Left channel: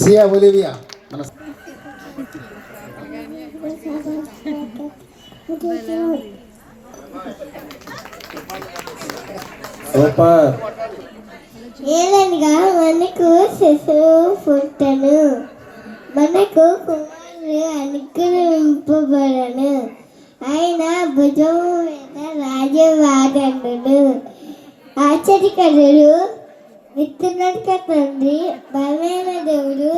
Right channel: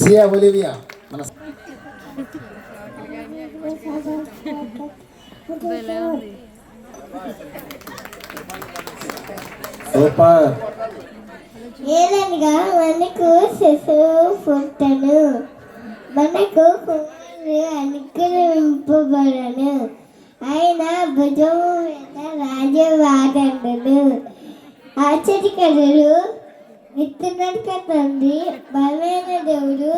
సియా Olivia మన super. ఏదనగా మనకు శిశువు పుట్టను, మనకు కుమారుడు అనుగ్రహింపబడను, ఆయన భుజము మీద రాజవాగండును. ఆశ్చర్యకరుడు, విత్తునడక తండ్రి, బలమైన దేవుడు,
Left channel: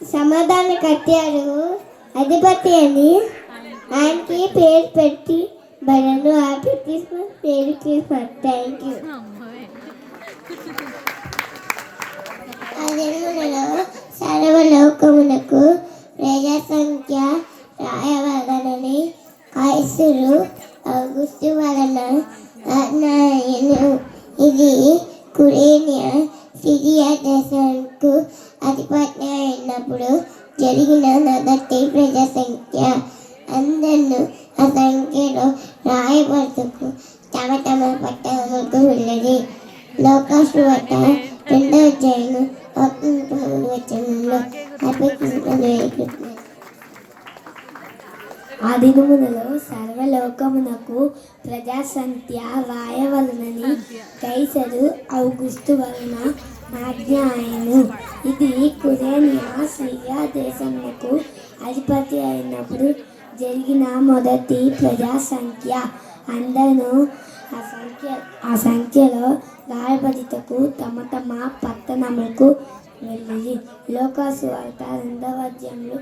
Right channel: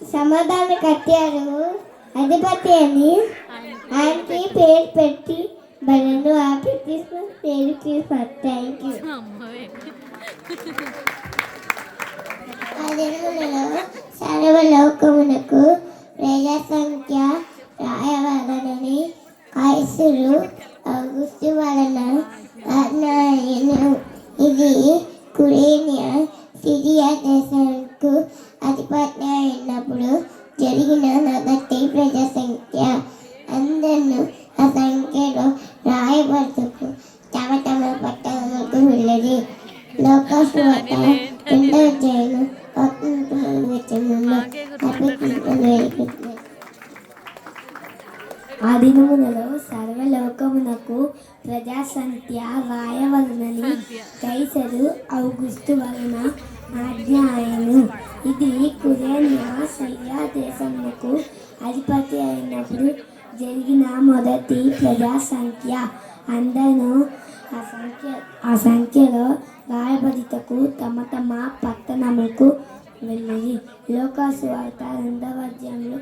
సమాధాన కట్టాడు, అధిపతి అని ఆయనకి పేరు పెట్టి బలను. Happy Christmas, merry Christmas. Thank you. సర్వలోకమునకు ప్రజా సంఖ్య రాయవలనని కైసరు ఔగుస్తు వలన ఆజ్ఞాయను. ఇది కురేనియా సిరియా దేశానికి అధిపతి అయినప్పుడు జరిగిన మొదటి ప్రజా సంఖ్య. అందరూ ఆ సంఖ్యలో రాయబడుతూ తమ తమ పట్టణాలకు వెళ్ళింది. లోకస్వార్త 2వ అధ్యాయం 1-4 ఆ దినములలో సర్వలోకమునకు ప్రజా సంఖ్య వ్రాయవలనని కైసరు ఔగుస్తు వలన ఆజ్ఞ ఆయను. ఇది కురేనియా సిరియా దేశమునకు అధిపతి అయినప్పుడు జరిగిన మొదటి ప్రజా సంఖ్య. అందరూ ఆ సంఖ్యలో రాయబడితకు తమ తమ పట్టణములకు వెళ్ళి. లోకస్వార్త 2వ అధ్యాయంలో.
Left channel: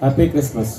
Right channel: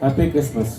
Happy Christmas.